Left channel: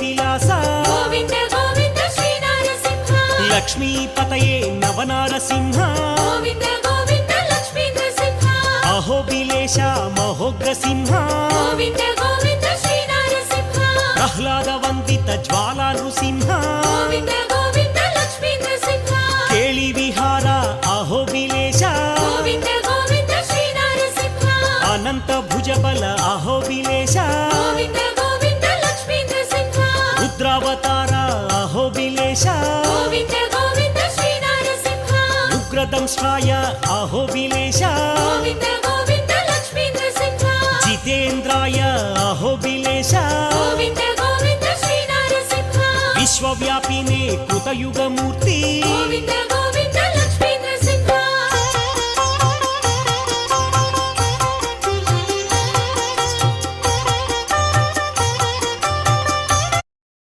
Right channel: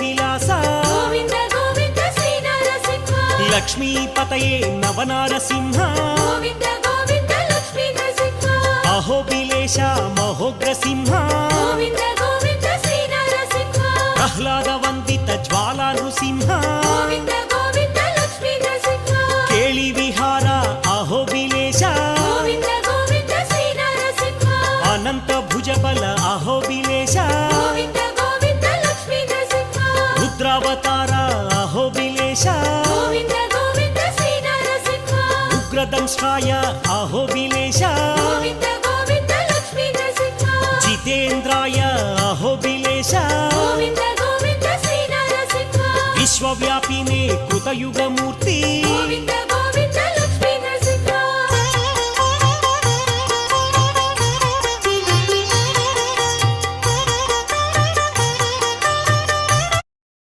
Vilasa Govinda Govinda Shri Narasimha లక్ష్మీపతయే Nava Narasimha Govinda Govinda Lakshmi Narasimha అహోబిలేశ మహోగ్రసింహ Govinda Govinda Shri Narasimha Prahlada వందిత Jwala Nrusimha Govinda Govinda Lakshmi Narasimha కేళి Vihara అహోబిలేశ Govinda Govinda Shri Narasimha Anantha భుజబల అహోబిలేశ Govinda Govinda Lakshmi Narasimha రుద్రావతార అహోబిలేశ Govinda Govinda Shri Narasimha ఉగ్రదంష్ట్రాయ అహోబిలేశ Govinda Govinda Lakshmi Narasimha జితేంద్రాయ అహోబిలేశ Govinda Govinda Shri Narasimha విశ్వవ్యాపినే కృతయుగమూర్తి Govinda